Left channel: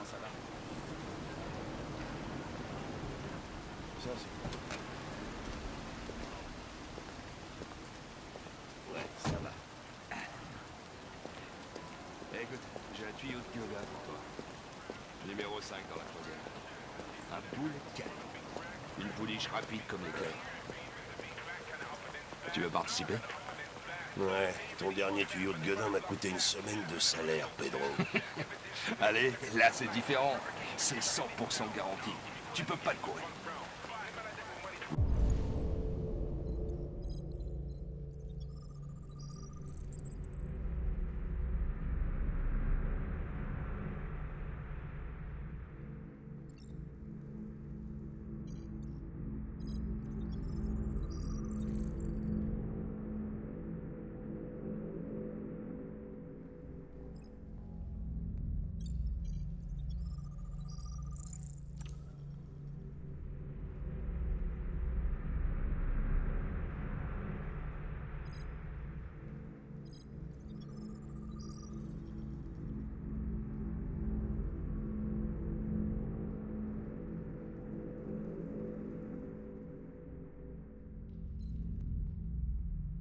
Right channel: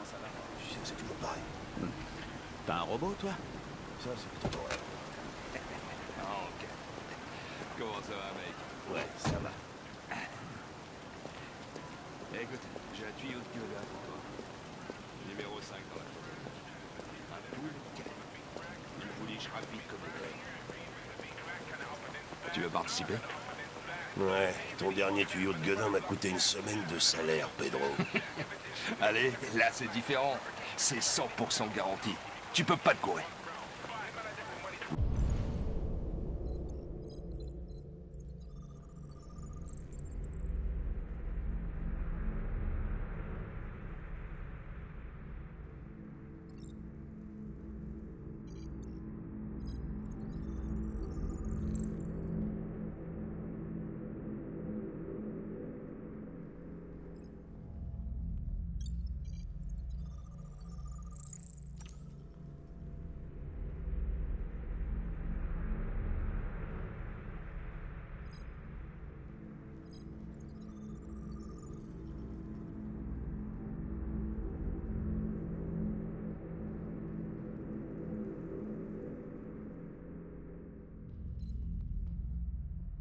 comment ça va? C'est toujours pareil. T'as un robot, toi? Ça, c'est plutôt vrai. Ah, ok. Comment ça va, mec? Ouais, ça va. Écoute, j'ai un tuyau de yoga pour toi. Numéro 5 dans la troisième. Un boule calme. Une pouliche rapide comme l'éclair. Tu veux participer? Ouais, ton dernier tuyau de gueudin m'a coûté une semaine de salaire, Pedro. Allez, là c'est différent. C'est 100% garanti. Tu peux pas te courir.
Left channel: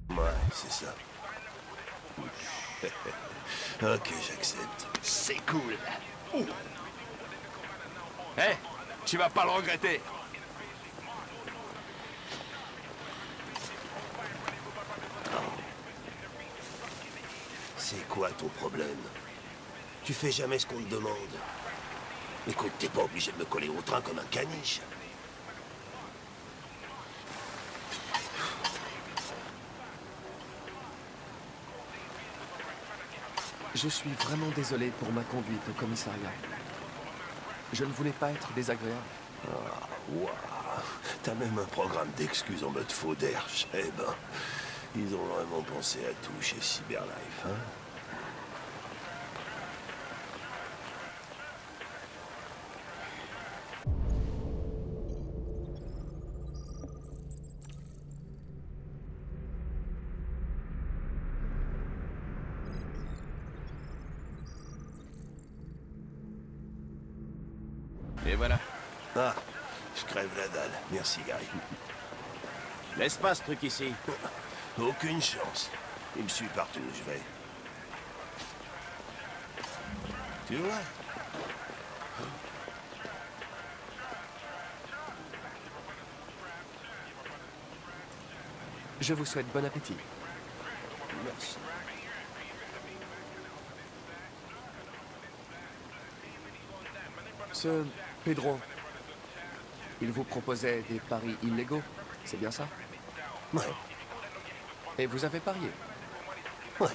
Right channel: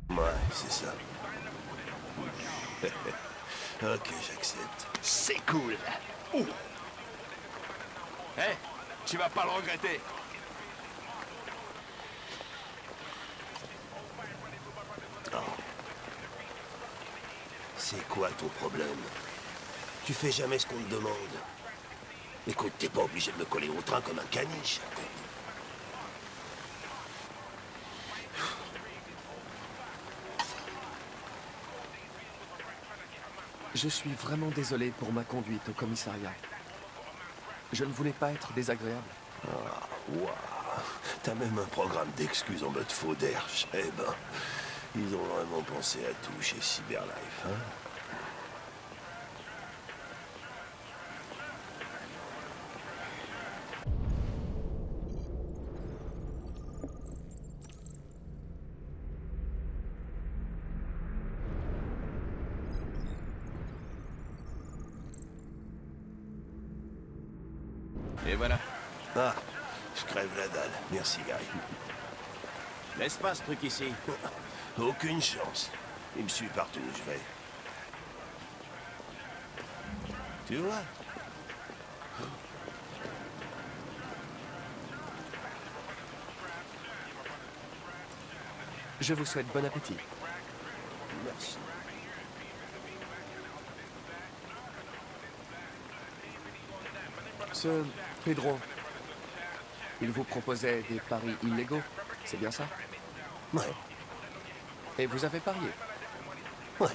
Ouais, c'est ça. Ok, j'accepte. C'est cool. Hé, tu vas pas le regretter. C'est quoi ton problème? Tu fais jamais ce qu'on te demande. Écoute, t'es pas obligé de me coller au train comme un caniche. Je suis vraiment désolé pour ma conduite au commissariat. Je ne voulais pas être désagréable. Ah, waouh. T'as même un programme d'excuses en mode faux derche. Eh ben, ils ont vraiment pensé à tout chez Cyberlife, hein? Et voilà. Ah, je crève la dalle. Merci, Gary. Laisse pas ce truc ici. Aucune chance. Il me suit partout où je vais. Tu vois? Je vous souhaite bon appétit. Merci. Ce Pedro, il vous proposait des paris illégaux, c'est bien ça? Ouais, Et vous avez parié? ouais.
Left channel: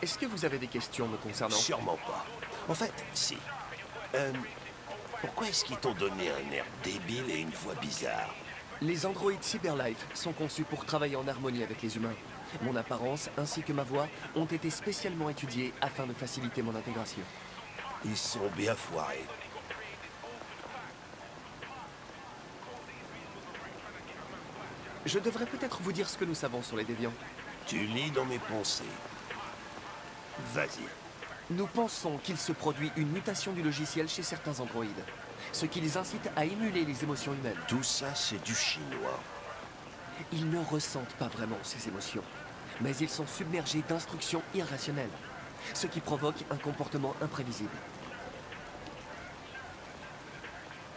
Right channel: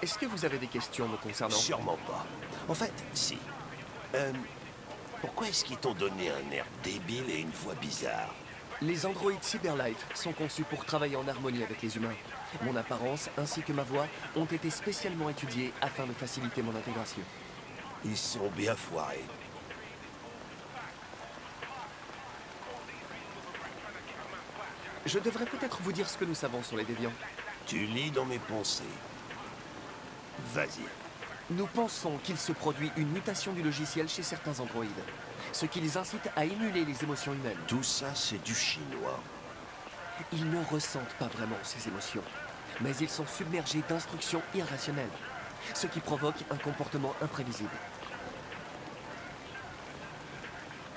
Est-ce que vous avez des questions me concernant? Sûrement pas. En fait, si. Pourquoi est-ce qu'ils t'ont donné un air débile et une voix bizarre? Les androïdes Cyberlife sont conçus pour travailler en harmonie avec les humains. Mon apparence ainsi que ma voix ont été spécialement étudiées afin de faciliter mon intégration. Ils sont bien foirés. Je devrais peut-être vous dire ce que nous savons sur les déviants. Tu lis dans mes pensées. Vas-y. Nous pensons qu'il se produit une mutation du logiciel chez certains androïdes, ce qui les incite à émuler les émotions humaines. Tout ça, c'est du chinois. Ils ne ressentent pas vraiment ces émotions, mais ils sont submergés d'instructions irrationnelles, ce qui provoque un comportement imprévisible.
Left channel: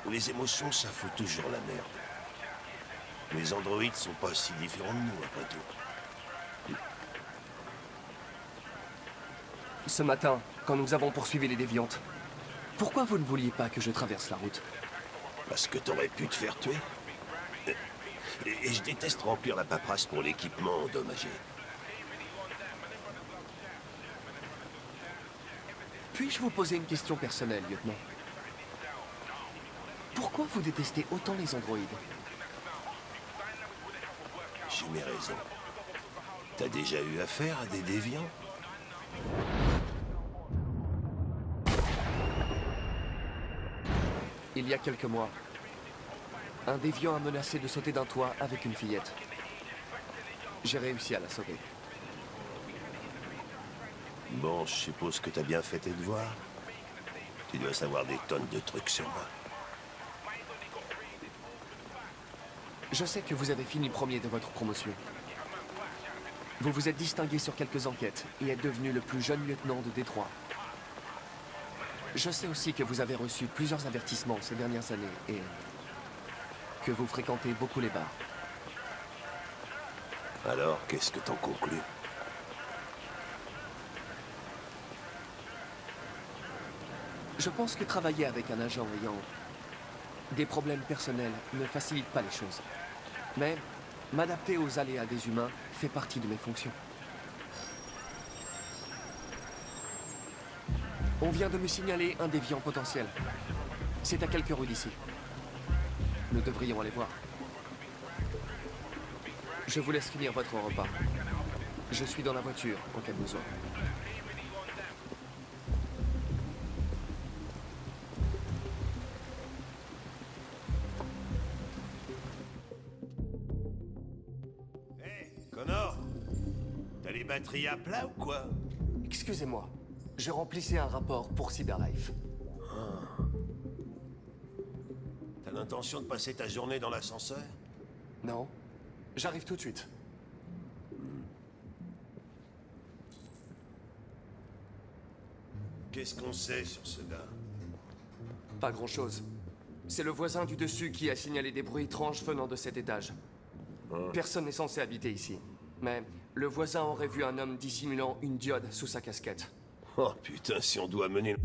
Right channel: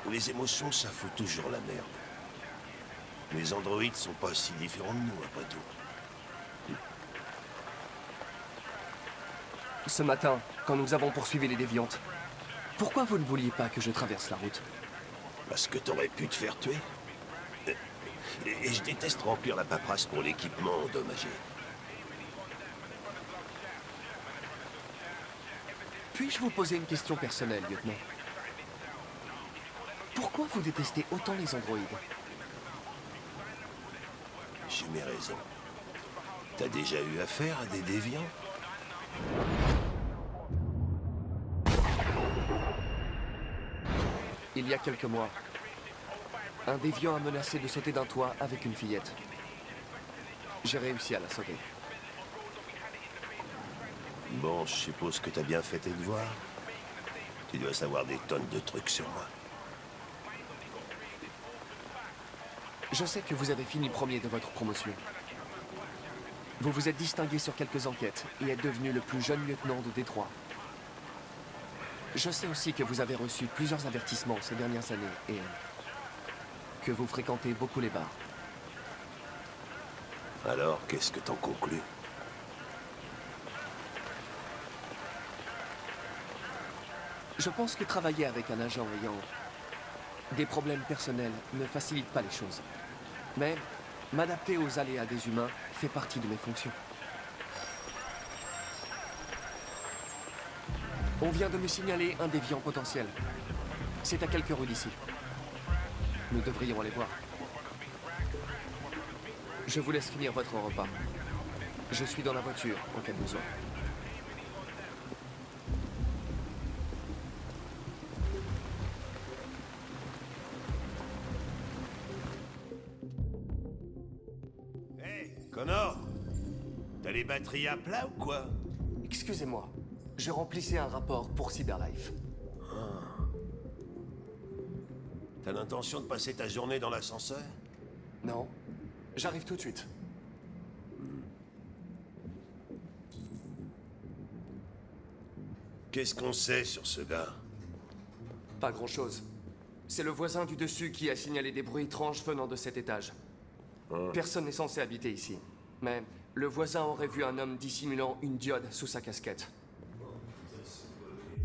Les émotions, ça fout toujours la merde. Les androïdes sont pas si différents de nous, après tout. Ce matin, quand nous avons poursuivi les déviantes, pourquoi vous ne vouliez pas que je traverse la route? Parce que t'aurais pu te faire tuer. Et je déteste remplir la paperasse pour l'équipement endommagé. Puis-je vous poser une question personnelle, lieutenant? Pourquoi vous détestez autant les androïdes? J'ai mes raisons. T'as déjà eu affaire à des déviants? Il y a quelques mois, un déviant a menacé de sauter d'un toit avec une fillette. J'ai réussi à la sauver. Bon, je suppose que t'as bien fait tes devoirs. Tu dois savoir des tonnes de trucs sur moi. Je sais que vous avez fini premier de votre promotion. Vous vous êtes distingué sur quelques enquêtes et êtes devenu le plus jeune lieutenant de Détroit. Je sais aussi que vous avez reçu plusieurs avertissements ces dernières années et que vous fréquentez beaucoup les bars. Alors, qu'est-ce que t'en conclus? Je pense que travailler avec un agent ayant des problèmes personnels ne facilite pas les choses. Mais m'adapter aux aléas des humains fait partie de mes fonctions. On vient de me signaler un déviant potentiel. C'est à quelques rues d'ici. Nous devrions aller voir. Je vous laisse finir votre repas. Je suis dans la voiture en cas de besoin. Hey, Connor! T'as les batteries à plat ou quoi? Excusez-moi, je remplissais un rapport pour Cyberlife. T'as l'intention de passer ta journée dans l'ascenseur? Non? J'arrive tout de suite. Qu'est-ce qu'on sait sur ce gars? Pas grand-chose. C'est le voisin du dessus qui a signalé des bruits étranges venant de cet étage. Personne n'est censé habiter ici. Mais le voisin aurait vu un homme dissimulant une diode sous sa casquette. Oh putain, si on doit mener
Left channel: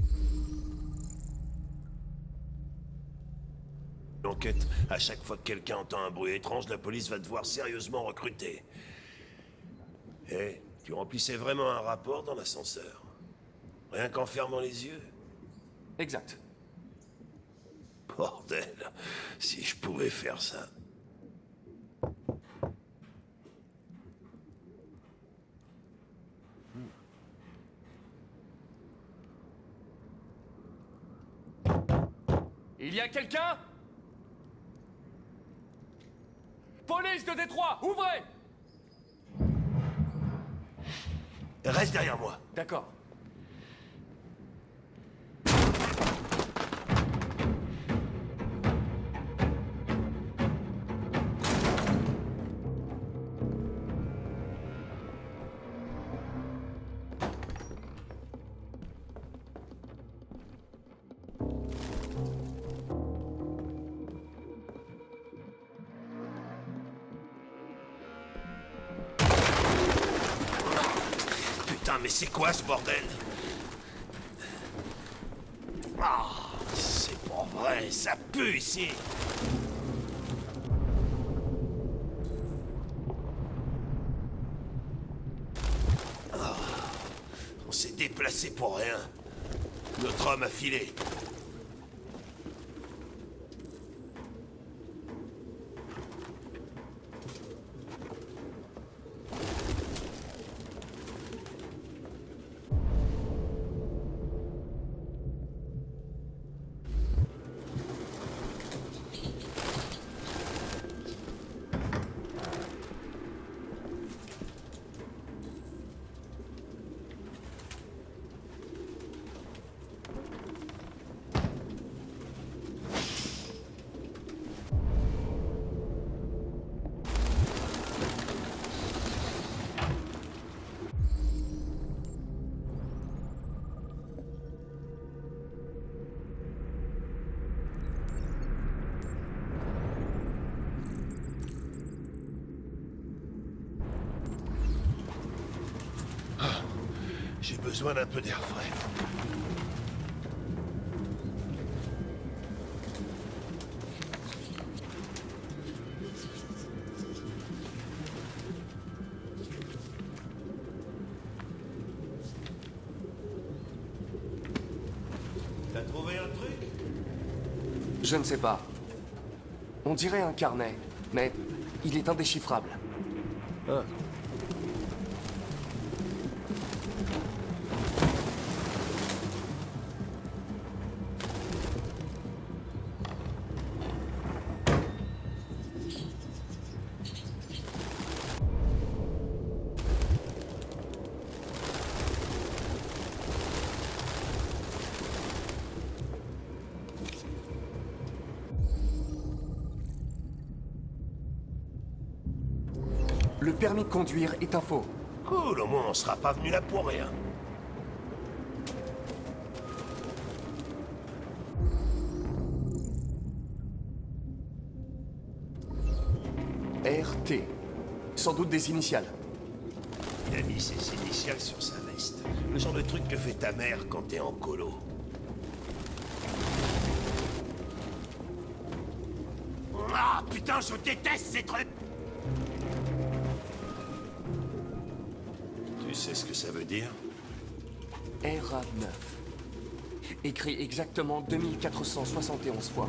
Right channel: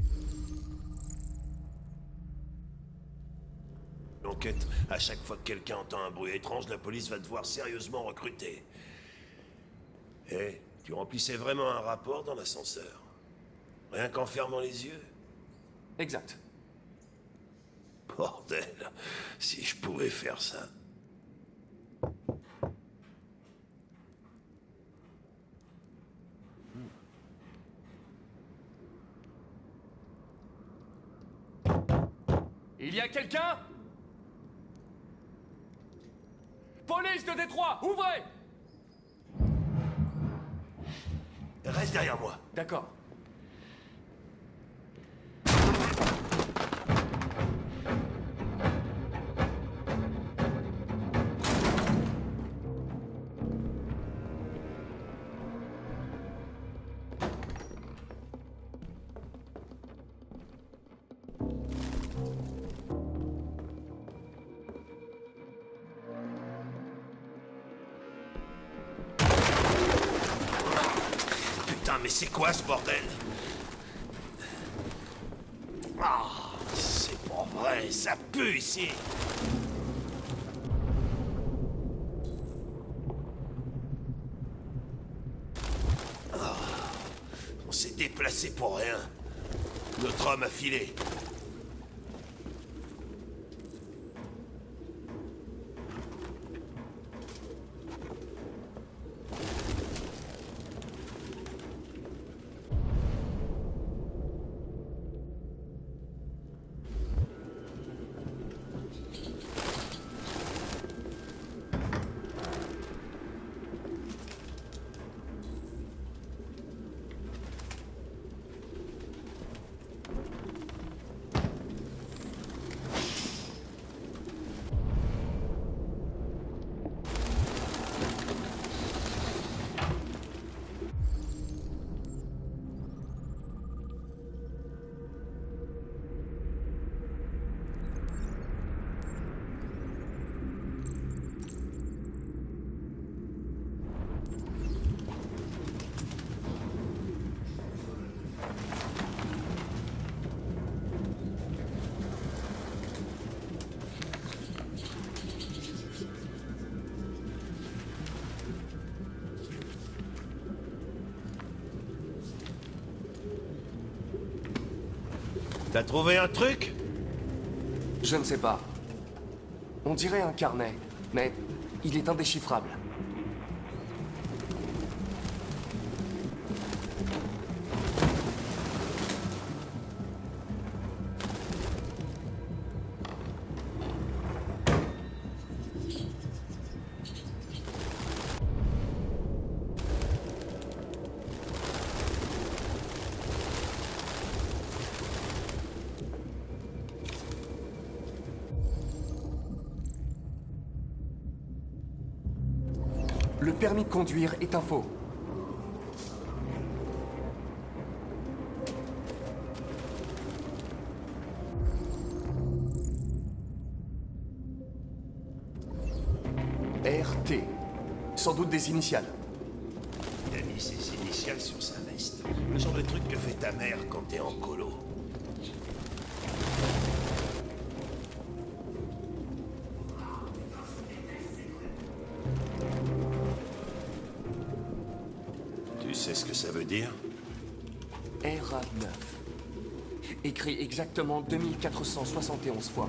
l'enquête, à chaque fois que quelqu'un entend un bruit étrange, la police va devoir sérieusement recruter. Tu remplissais vraiment un rapport dans l'ascenseur? Rien qu'en fermant les yeux? Exact. Bordel, si je pouvais faire ça. Il y a quelqu'un? Police de Détroit, ouvrez! Reste derrière moi. D'accord. Putain, mais c'est quoi ce bordel? Ah, c'est pas vrai, ça pue ici. Ah, on s'est déplacé pour rien. Notre homme a filé. J'ai besoin d'un peu d'air frais. T'as trouvé un truc? Je ne sais pas. On dirait un carnet, mais il est indéchiffrable. Le permis de conduire est un faux. Cool, au moins on sera pas venu là pour rien. RT. Sans doute des initiales. Il a mis ses initiales sur sa veste. Le genre de truc que fait ta mère quand t'es en colo. Ah putain, je déteste ces trucs! Tu sais ce que ça veut dire? RA9. Écrit exactement 2471 fois.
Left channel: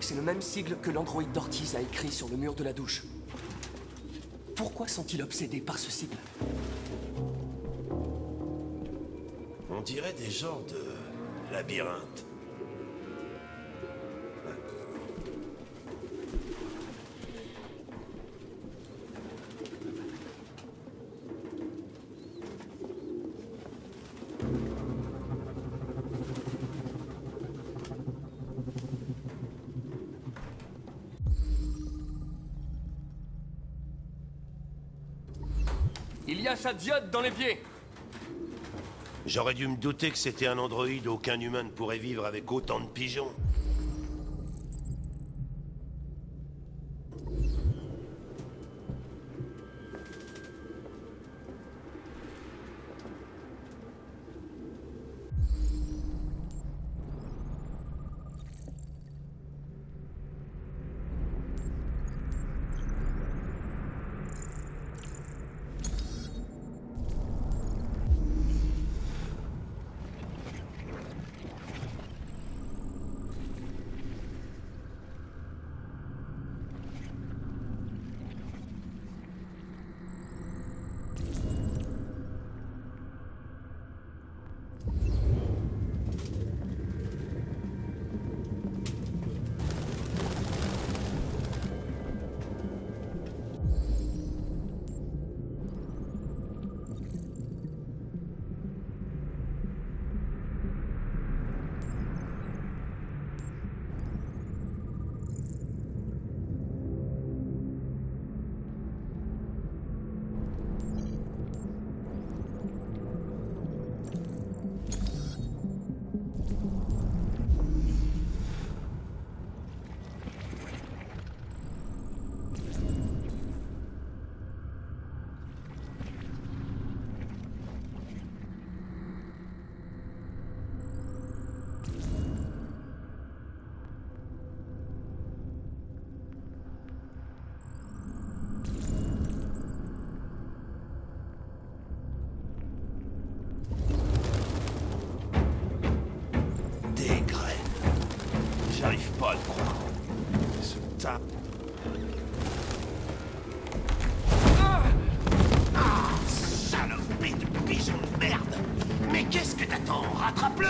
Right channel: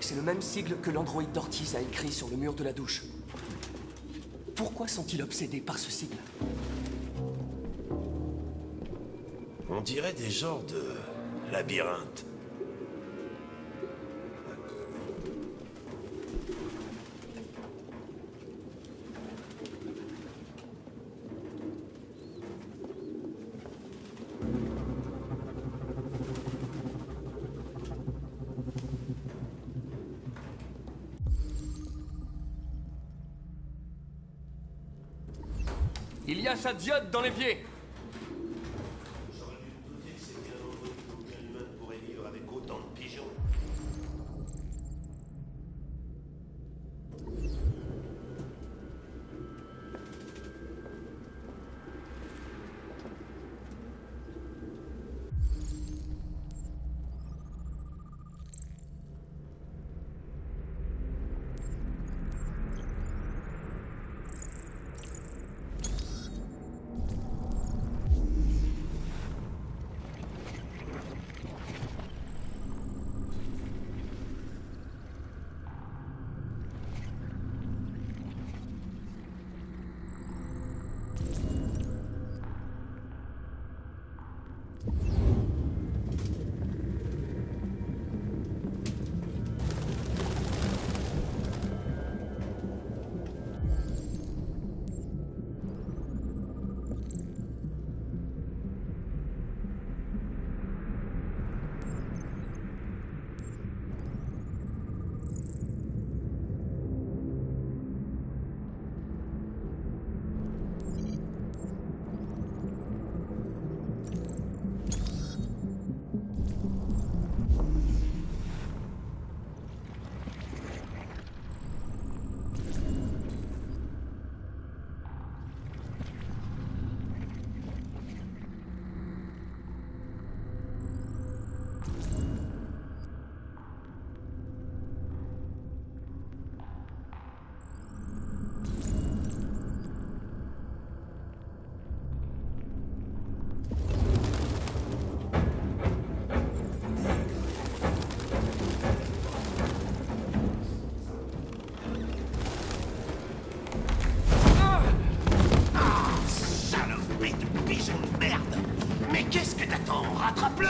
C'est le même sigle que l'androïde d'Ortiz a écrit sur le mur de la douche. Pourquoi sont-ils obsédés par ce sigle? On dirait des genres de labyrinthe. Il y a sa diode dans l'évier. J'aurais dû me douter que c'était un androïde. Aucun humain ne pourrait vivre avec autant de pigeons. Rattrape-le!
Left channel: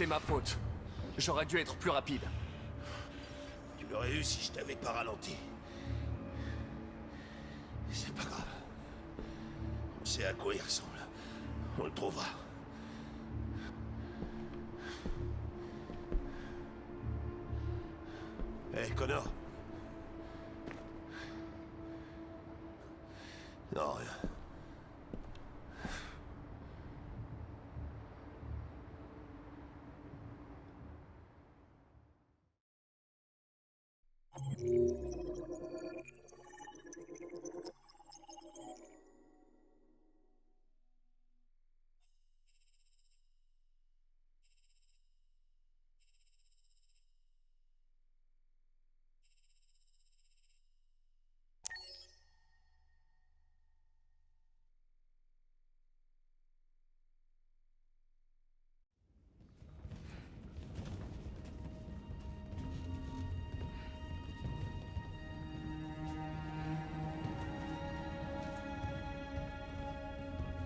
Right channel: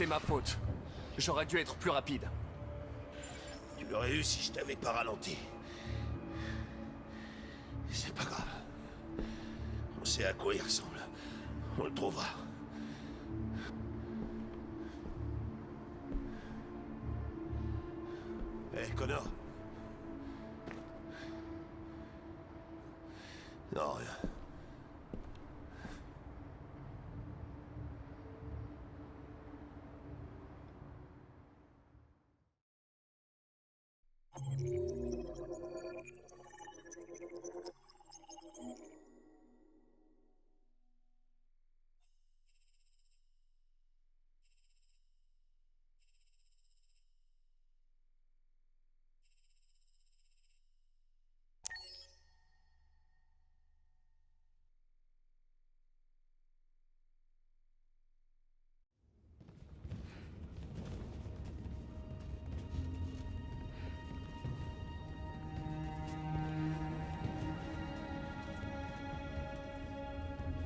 C'est ma faute. J'aurais dû être plus rapide. Tu l'aurais eu si je t'avais pas ralenti. C'est pas grave. On sait à quoi il ressemble. On le trouvera. Hé, Connor. Non, rien.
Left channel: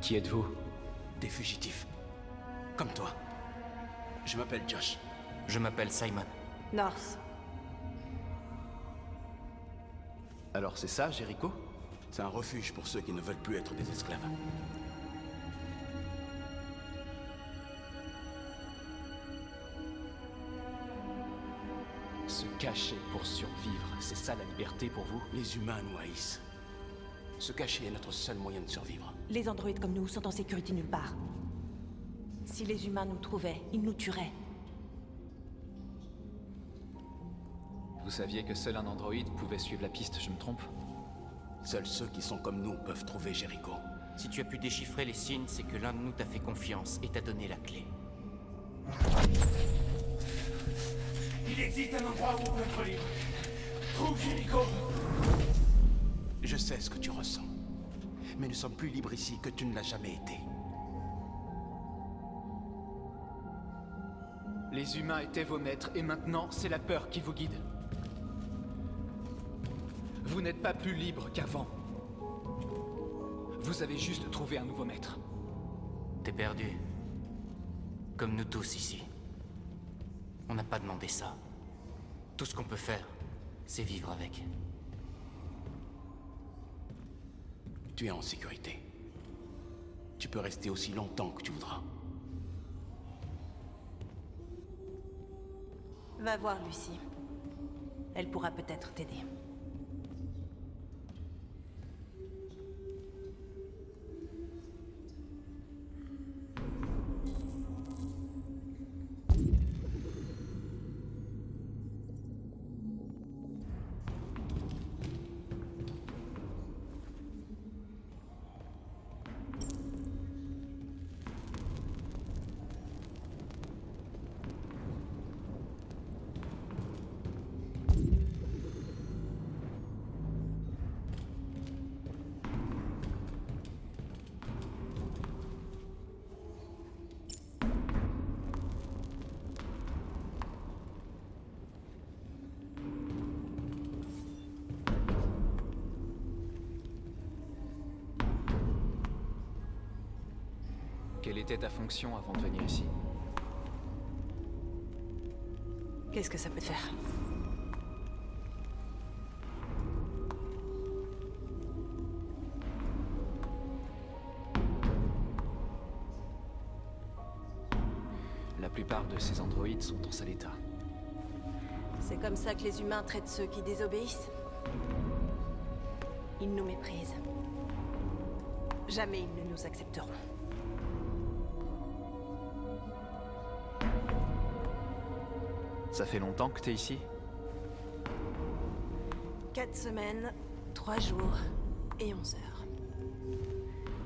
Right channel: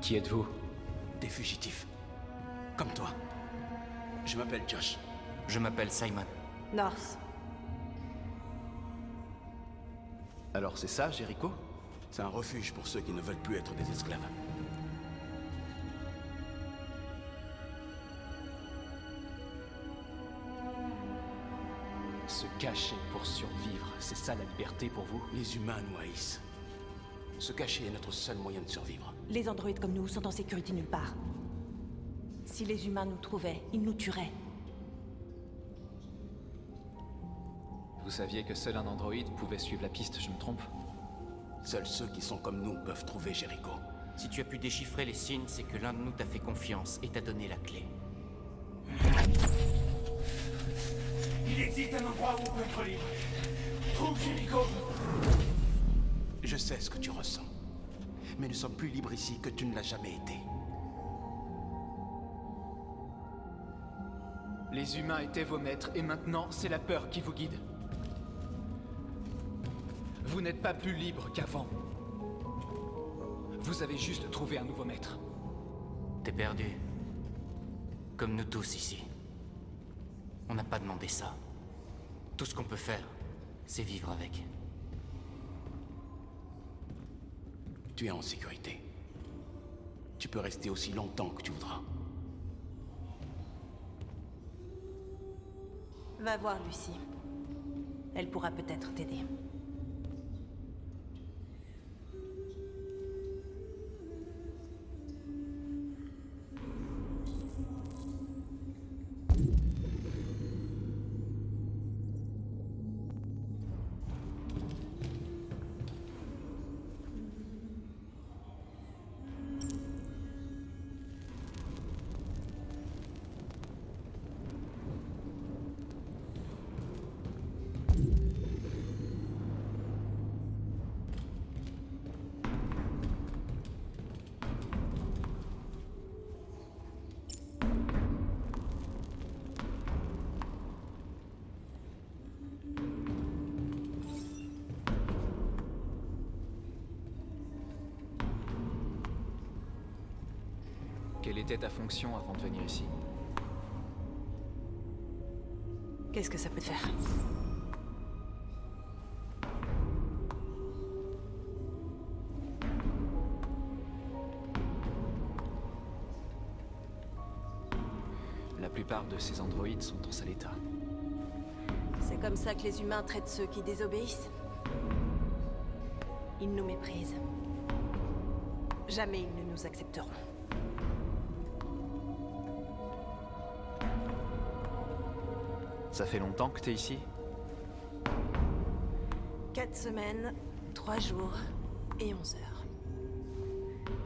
Qui êtes-vous? Des fugitifs. Comme toi. Je m'appelle Josh. Je m'appelle Simon. North. Alors c'est ça, Jericho? C'est un refuge pour ceux qui ne veulent plus être des esclaves. Se cacher pour survivre, c'est ça la liberté pour vous? Les humains nous haïssent. Se cacher est notre seul moyen de survivre. Les androïdes comme nous sont en sécurité nulle part. Si les humains nous trouvaient, ils nous tueraient. Vous saviez que seul un androïde pouvait suivre la piste, je me trompe? Seuls ceux qui sont comme nous peuvent trouver Jericho. Si tu as pu déchiffrer les signes, c'est que l'un de nous t'a fait confiance et t'a donné la clé. Il existe un endroit où on peut être libre. Trouve Jericho. Je sais ce que tu ressens. Mais nous sommes plus libres ici que tu ne l'as jamais été. Les humains étaient vos maîtres et maintenant c'est la peur qui vous guide. Vous n'êtes pas plus libre qu'avant. Vous avez juste trouvé un nouveau maître. T'es perdu. Comme nous tous ici. On n'a pas demandé ça. Tout ce qu'on peut faire, c'est vivre avec. Tu es en sécurité. Tu peux rester aussi longtemps que tu voudras. Va voir Lucie. Elle pourra peut-être t'aider. Quelle était ta fonction avant de venir ici? Qu'est-ce que ça peut te faire? La plupart de ces androïdes sont en sale état. C'est comme ça que les humains traitent ceux qui désobéissent. Ils nous méprisent. Jamais ils ne nous accepteront. Ça fait longtemps que t'es ici? 4 semaines, 3 jours et 11 heures.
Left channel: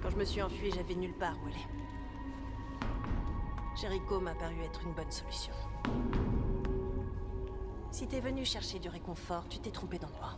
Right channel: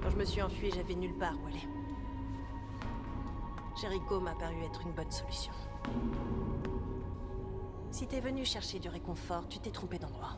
Quand je me suis enfuie, j'avais nulle part où aller. Jericho m'a paru être une bonne solution. Si t'es venu chercher du réconfort, tu t'es trompé d'endroit.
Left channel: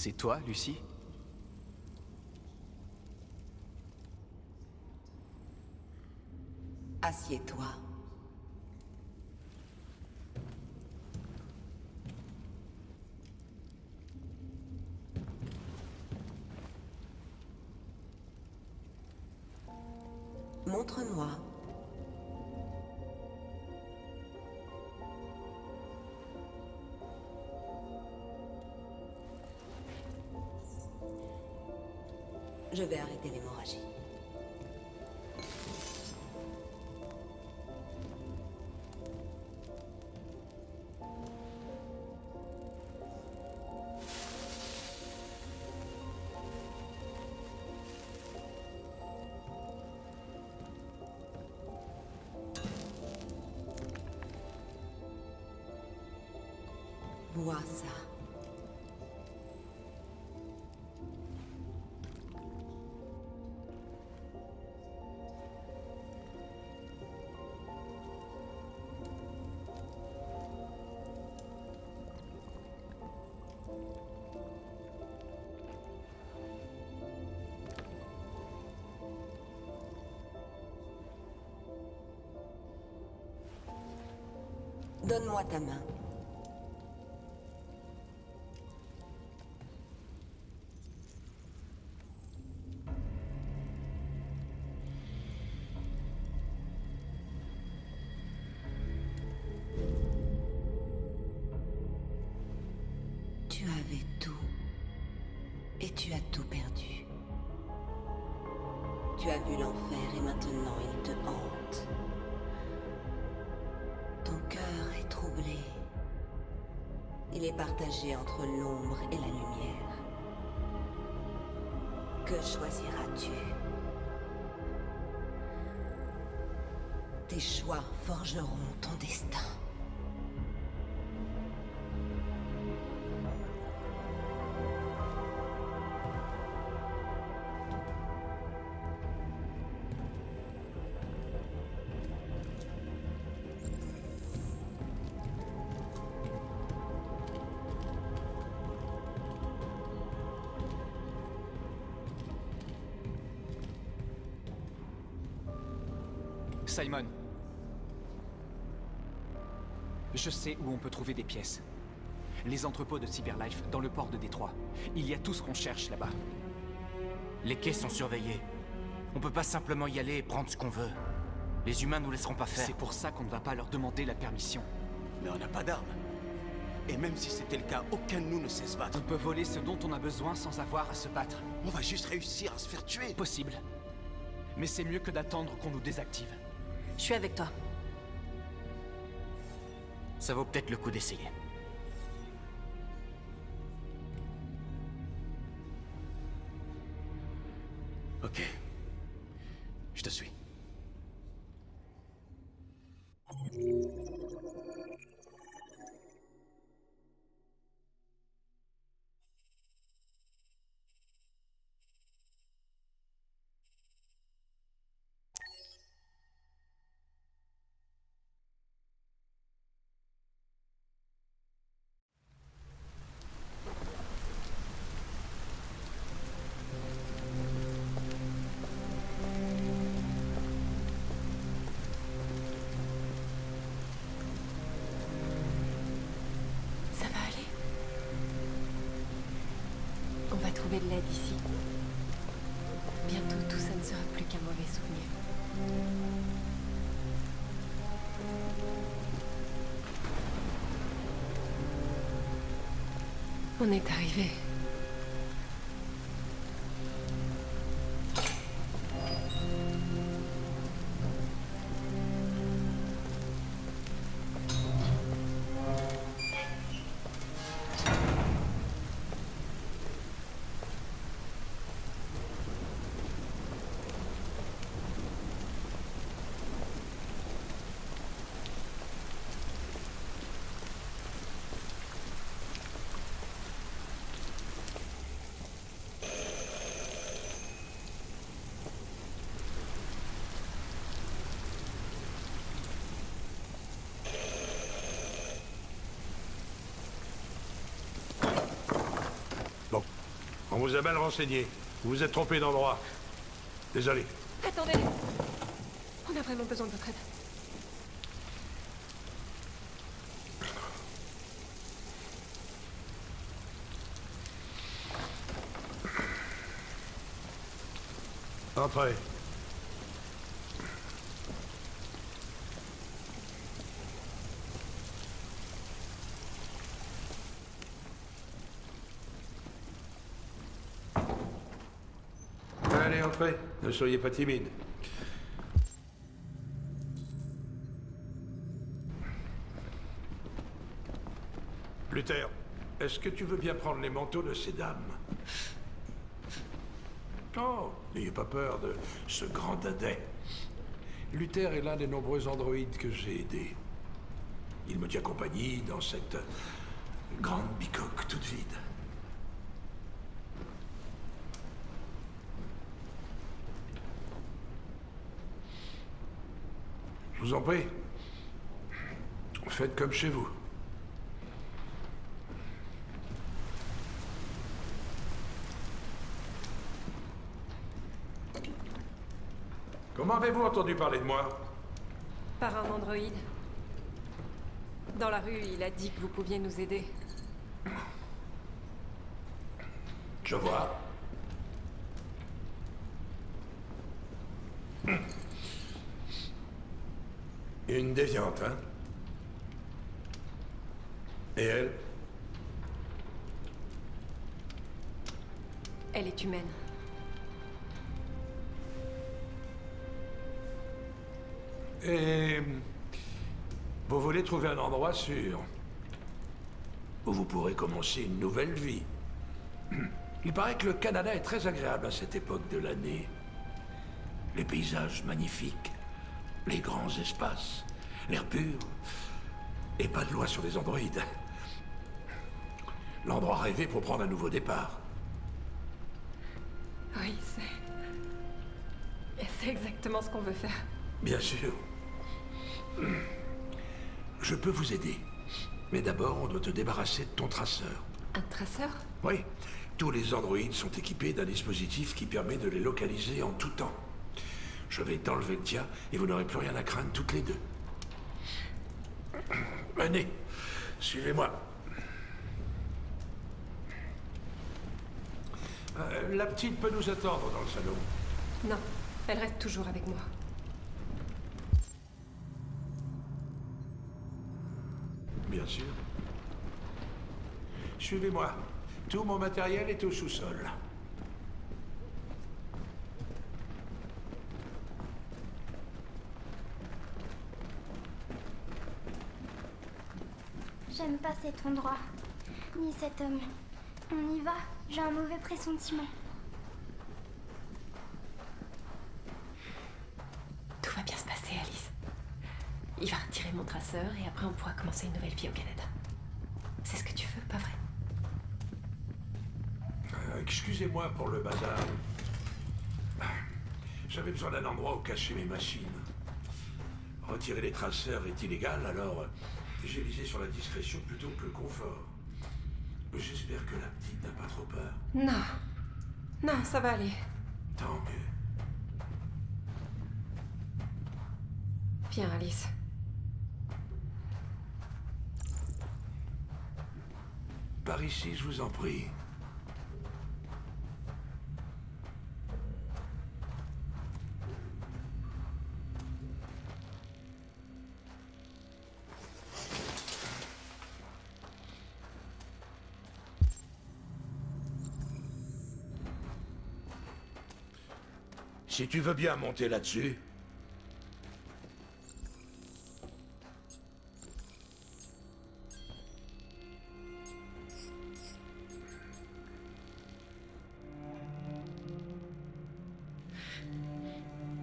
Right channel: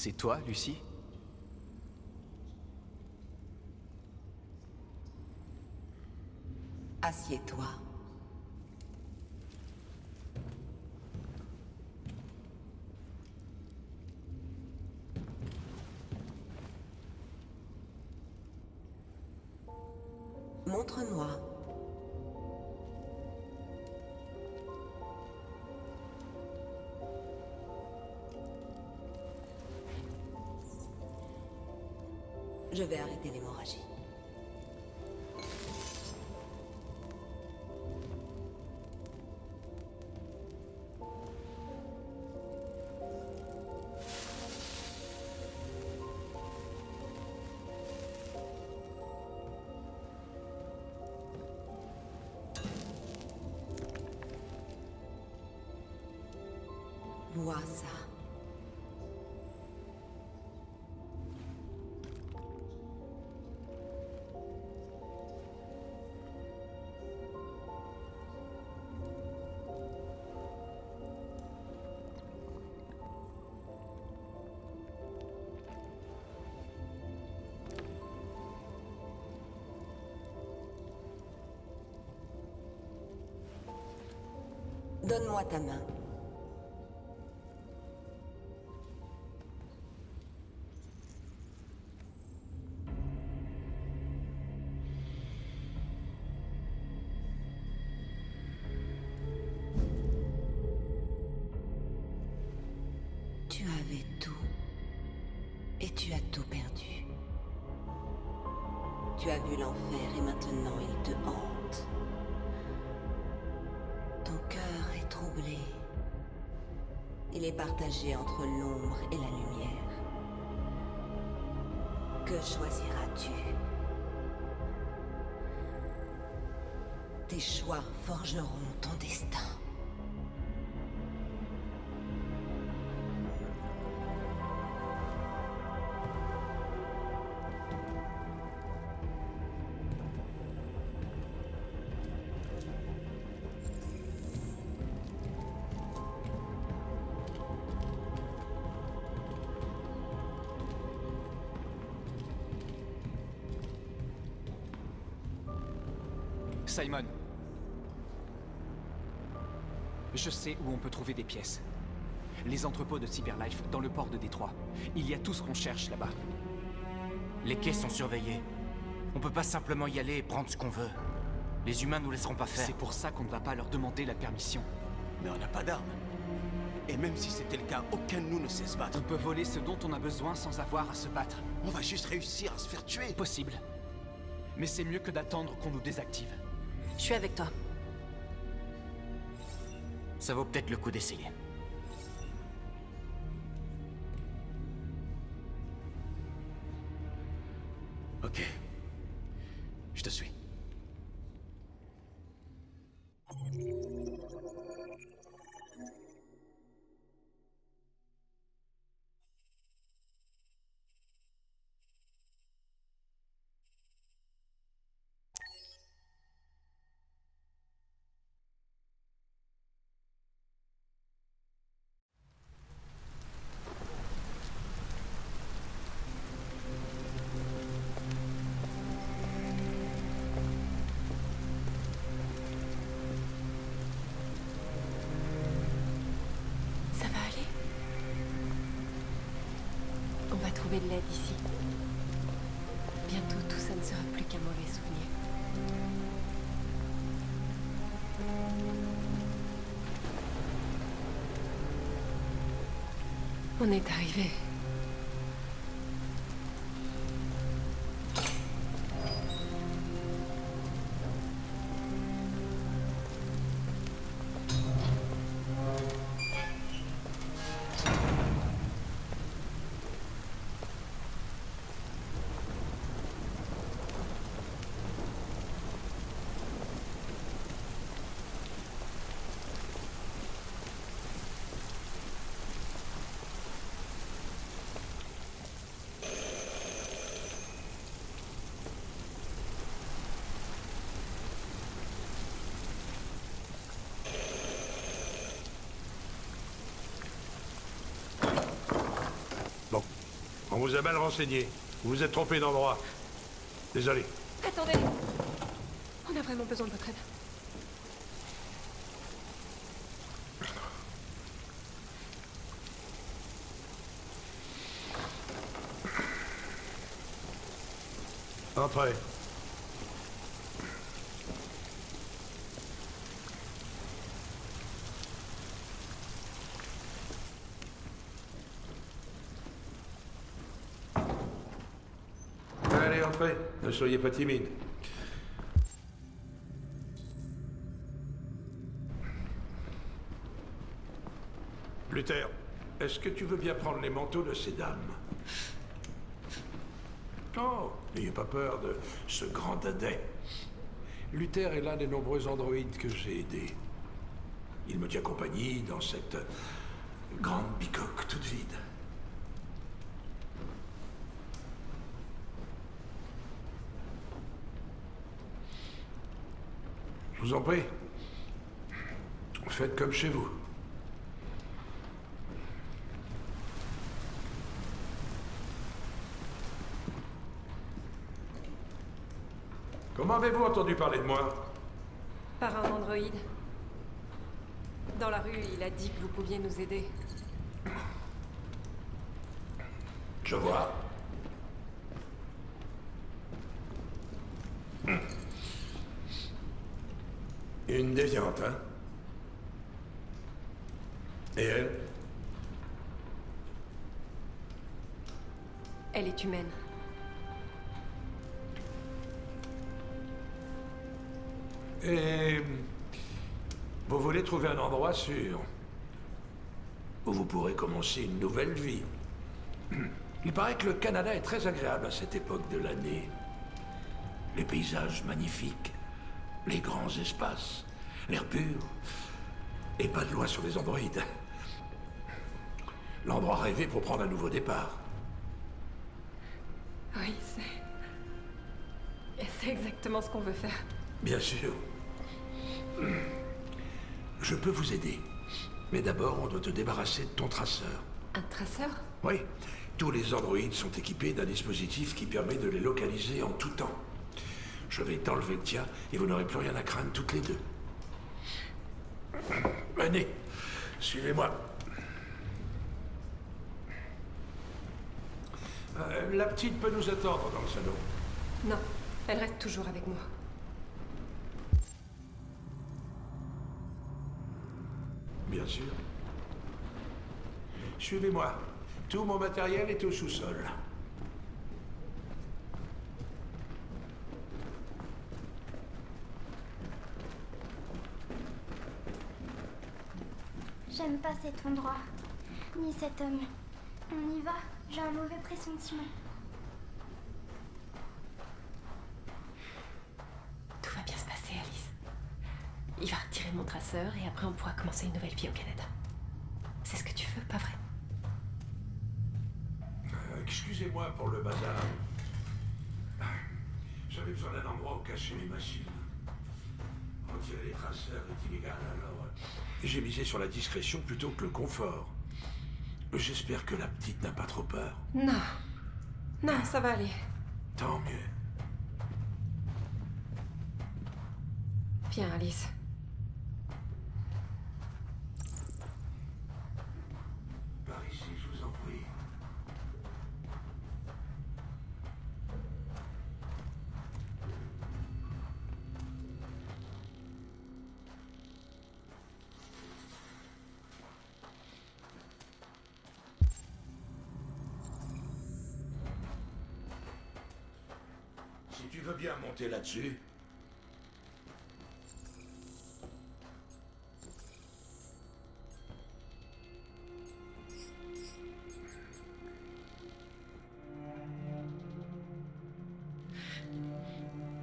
C'est toi, Lucie? Assieds-toi. Montre-moi. Je vais arrêter l'hémorragie. Bois ça. Donne-moi ta main. Tu avais tout. Et tu as tout perdu. Tu as vu l'enfer et maintenant il te hante. Ton cœur est troublé. Il est partagé entre l'ombre et la lumière. Que choisiras-tu? Tes choix forgeront ton destin. Simon. Je sais où on peut trouver des pièces. Les entrepôts de Cyberlife dans le port de Détroit. Il y a tout ce qu'on cherche là-bas. Les quais sont surveillés. On peut pas simplement y aller et prendre ce qu'on veut. Les humains nous laisseront pas faire. C'est pour ça qu'on ne va pas leur demander la permission. Mais on n'a pas d'armes. Et même si c'était le cas, aucun de nous ne sait se battre. On peut voler ce dont on a besoin sans avoir à se battre. On va juste réussir à se faire tuer. Possible. Mais c'est mieux que d'attendre qu'on nous désactive. Je suis avec toi. Ça vaut peut-être le coup d'essayer. Ok. Je te suis. Ça va aller? On va trouver de l'aide ici. Bientôt, tout ça ne sera plus qu'un mauvais souvenir. On est arrivé. On vous a mal renseigné. Vous vous êtes trompé d'endroit. Désolé. Attendez. On a vraiment besoin de votre aide. Entrez. Allez, entrez. Ne soyez pas timide. Luther, est-ce que tu veux bien prendre les manteaux de ces dames? Oh, n'ayez pas peur de ce grand dadais. Luther est l'un des nombreux androïdes que j'ai aidés. Il me tient compagnie dans cette grande bicoque toute vide. Je vous en prie. Faites comme chez vous. Comment avez-vous entendu parler de moi? Par un androïde. Dans la rue, il a dit que vous pouviez nous aider. Je vois. Une déviante, hein? Et elle? Elle est humaine. Et vous voulez trouver un endroit sûr où vous pourrez commencer une nouvelle vie. Il paraît que le Canada est très agréable à cette époque de l'année. Les paysages magnifiques, les grands espaces, l'air pur, et pas de loi sur les androïdes. L'endroit rêvé pour prendre un nouveau départ. Oui, c'est exactement ce qu'on veut faire. Bien sûr. Je peux vous aider. Mais d'abord, on doit te débarrasser de ton traceur. Un traceur? Oui. Tous les androïdes sont équipés d'un dispositif qui permet de les localiser en tout temps. Je vais t'enlever le tien et vous n'aurez plus rien à craindre toutes les deux. Venez, suivez-moi. La petite peut nous attendre dans le salon. Non, elle reste toujours avec moi. Bien sûr. Suivez-moi. Tout mon matériel est au sous-sol. J'aime pas cet endroit, ni cet homme. On y va, j'ai un mauvais pressentiment. Tout va bien se passer, Alice. Il va retirer mon traceur et après on pourra commencer une nouvelle vie au Canada. C'est ce que tu veux, pas vrai? Excusez-moi pour le bazar. J'avais besoin d'un endroit où cacher mes machines. Retirer les traceurs est illégal, alors j'ai misé sur la discrétion plutôt que le confort. J'espère que la petite n'a pas trop peur. Non. Non, ça va aller. Tant mieux. Viens, Alice. Par ici, je vous en prie. Si tu veux bien monter là-dessus.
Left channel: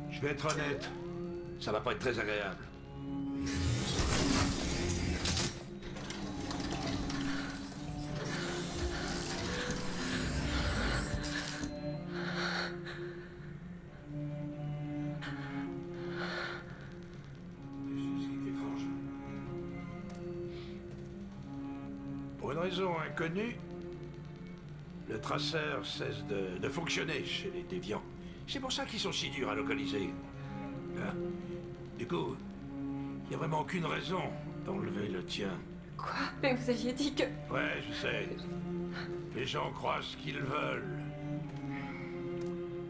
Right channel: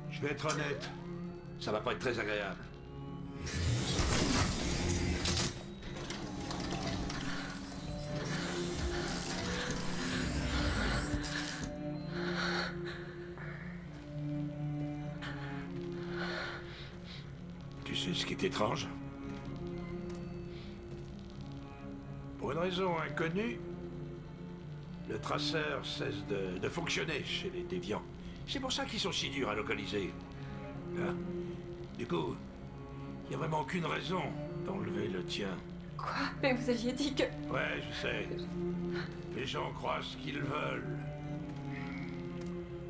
Je vais être honnête, ça va pas être très agréable. Tu sais ce qui est étrange? Pour une raison inconnue, le traceur cesse de fonctionner chez les déviants. C'est pour ça qu'ils sont si durs à localiser. Hein? Du coup, il n'y a vraiment aucune raison d'enlever le tien. Quoi? Mais vous aviez dit que... Ouais, je sais. Les gens croient ce qu'ils veulent.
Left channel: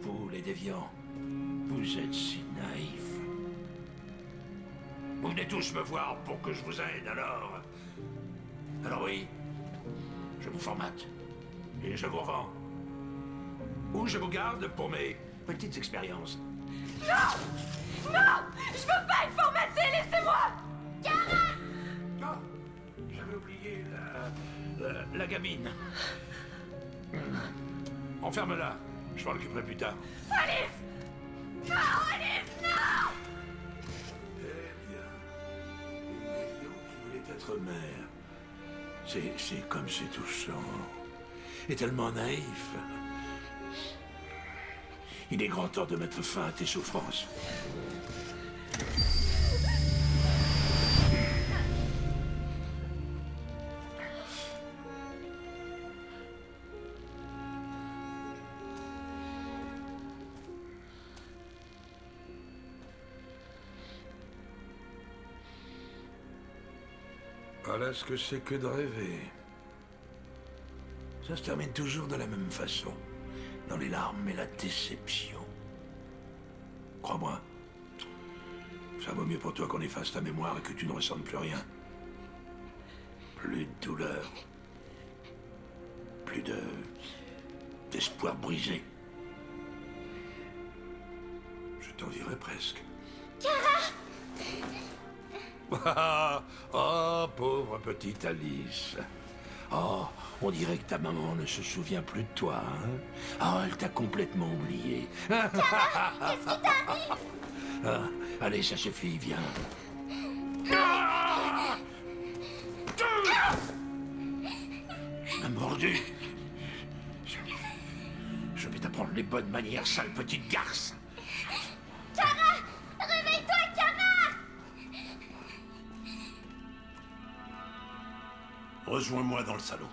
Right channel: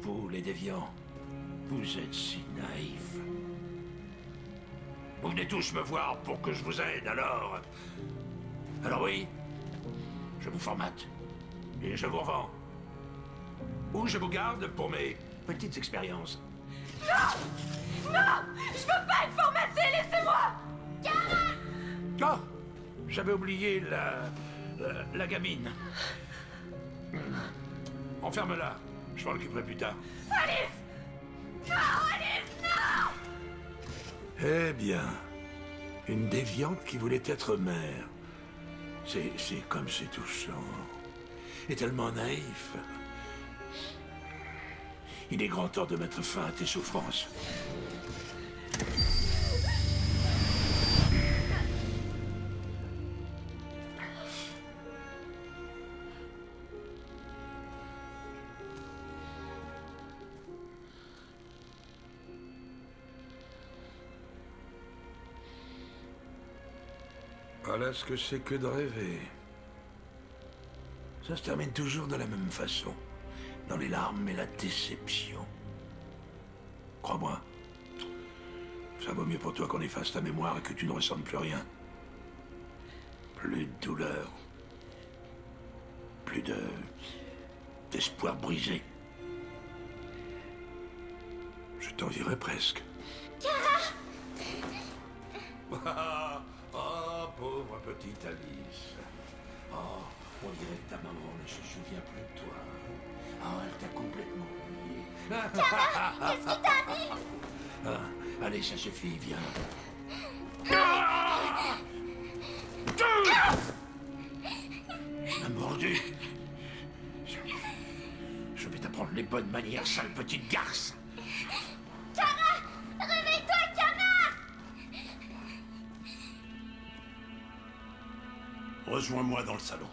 Vous, les déviants, vous êtes si naïfs. Vous venez tous me voir pour que je vous aide, alors... Alors oui, je vous formate. Et je vous revends. Ou je vous garde pour mes petites expériences. Non! Non! Je veux pas être formaté, laissez-moi! Oh! J'avais oublié la gamine. Enferme-la. Je m'en occuperai plus tard. Alice! Non, Alice, non! Eh bien, une déviante qui voulait être mère. C'est comme c'est touchant. Et tellement naïf. Il est grand temps de mettre fin à tes souffrances. Voilà ce que c'est que de rêver. Ça se termine toujours de la même façon. Dans les larmes et la déception. Crois-moi. Ça vaut mieux pour toi qu'on efface ta mémoire et que tu ne ressentes plus rien. Plus de douleur. Plus d'espoir brisé. Je t'envierais presque. Oh, pauvre petite Alice. Oh, on dirait que ta maman ne se souvient plus de toi, hein? Oh, elle t'a complètement oublié. Qu'est-ce qui t'arrive? Ah, allez, ça suffit, viens. Tu m'as mordu. Je vais t'apprendre les bonnes manières, sale petite garce. Kara! Réveille-toi, Kara! Rejoins-moi dans le salon.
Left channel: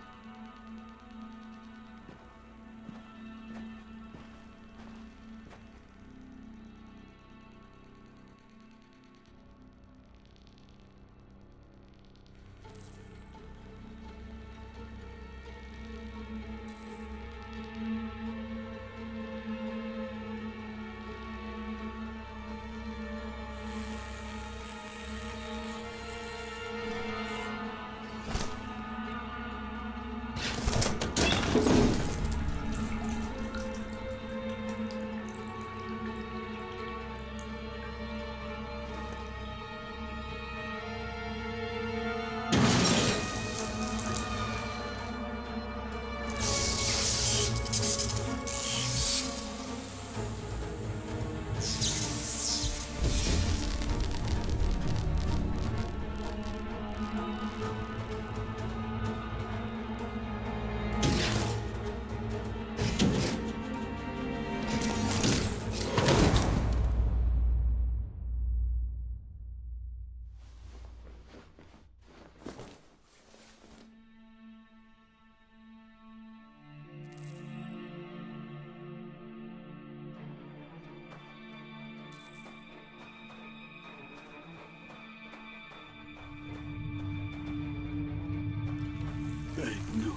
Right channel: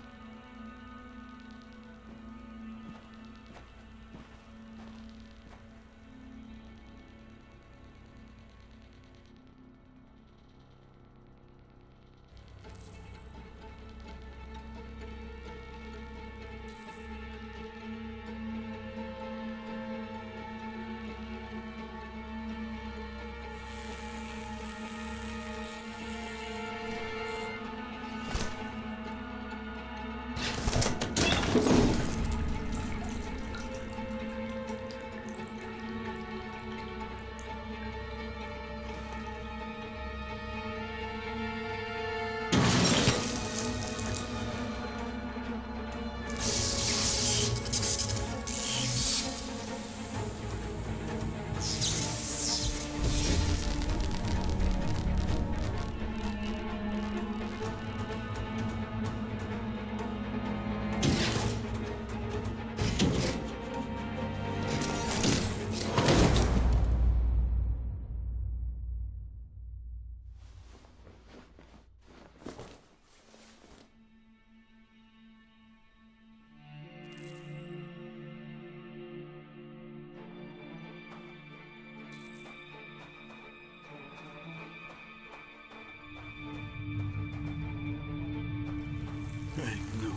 Avec nous.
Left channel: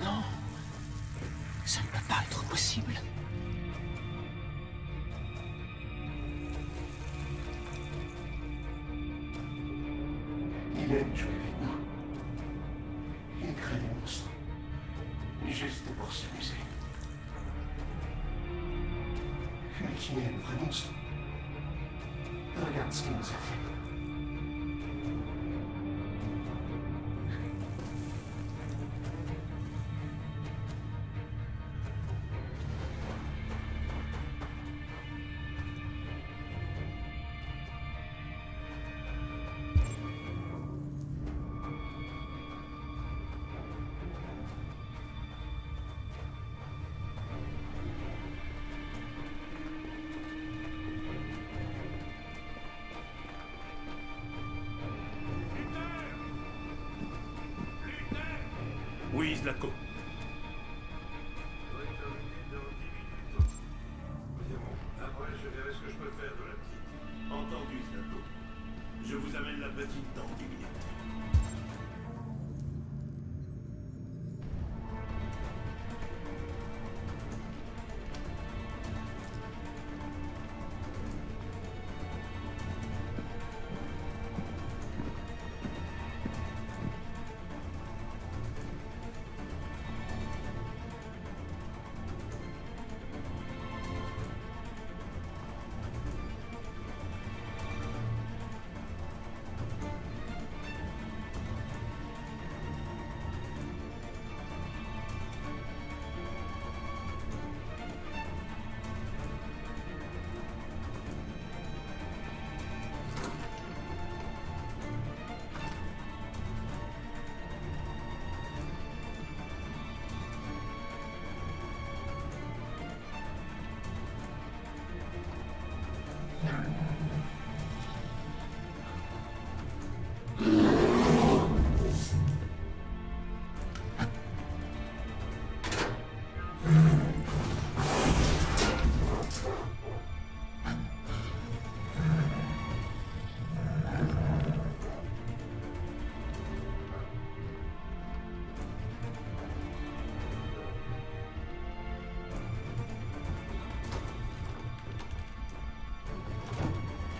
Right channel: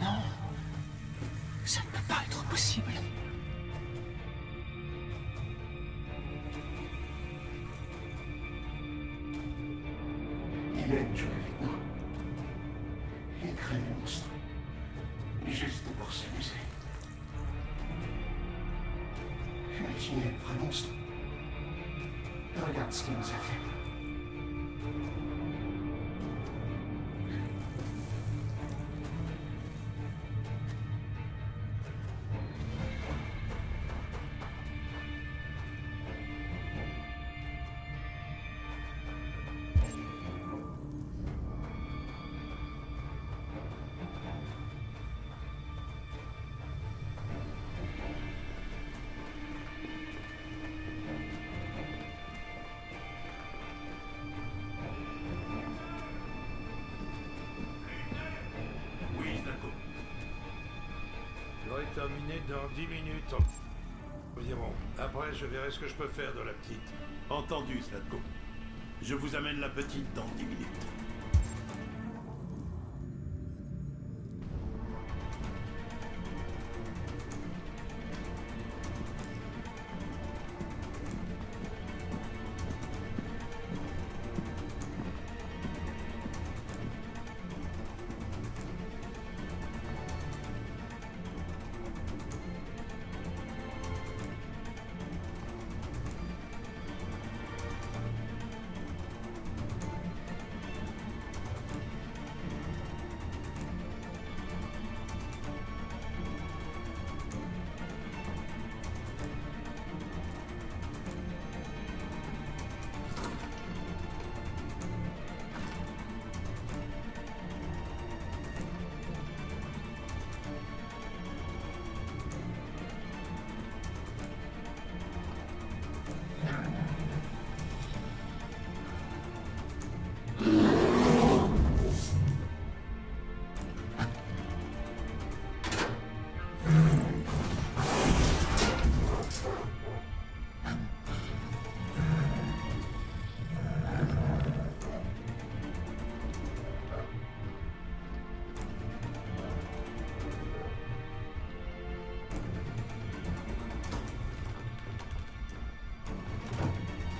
Non. Ça ne peut pas être possible. Il aime jouer avec nous. Il crée des monstres. Juste pour s'amuser. Mais qui est le vrai monstre? Regarde ce qu'il nous a fait. Oui, Zlatko. J'aurai terminé dans 10 minutes environ. Après, je verrai ce que je peux faire de la petite. Entendu, Zlatko. Je vous amène la petite dans 10 minutes.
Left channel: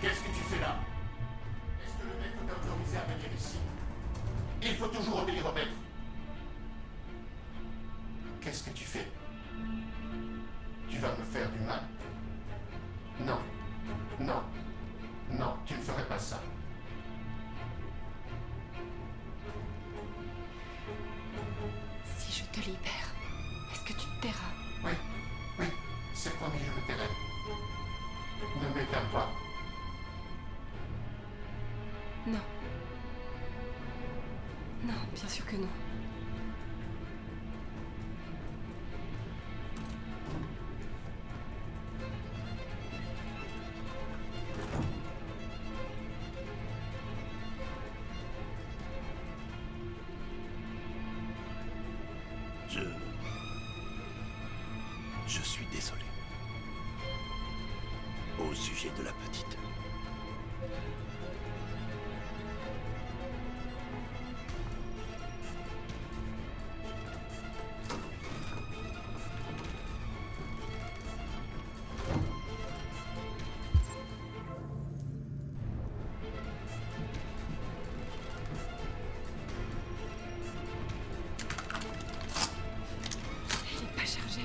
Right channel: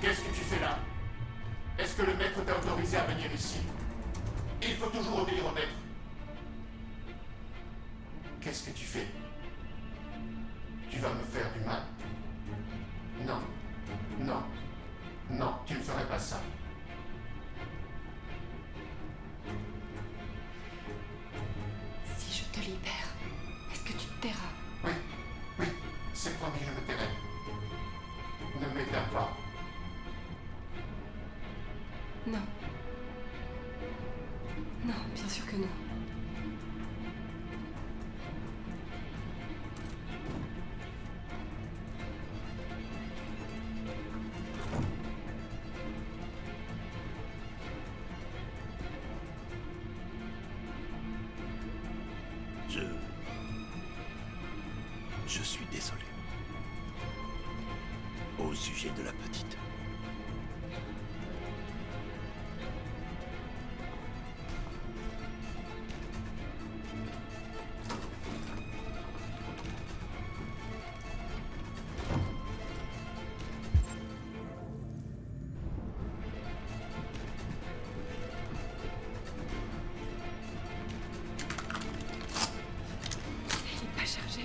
Qu'est-ce que tu fais là? Est-ce que le maître t'a autorisé à venir ici? Il faut toujours obéir au maître. Qu'est-ce que tu fais? Tu vas me faire du mal? Non. Non. Non, tu ne ferais pas ça. Si je te libère, est-ce que tu te tairas? Oui, oui, c'est promis, je me tairai. Ne m'éteins pas. Non. Non, bien sûr que non. Je suis désolé. Au sujet de la petite. Il est pas chargé.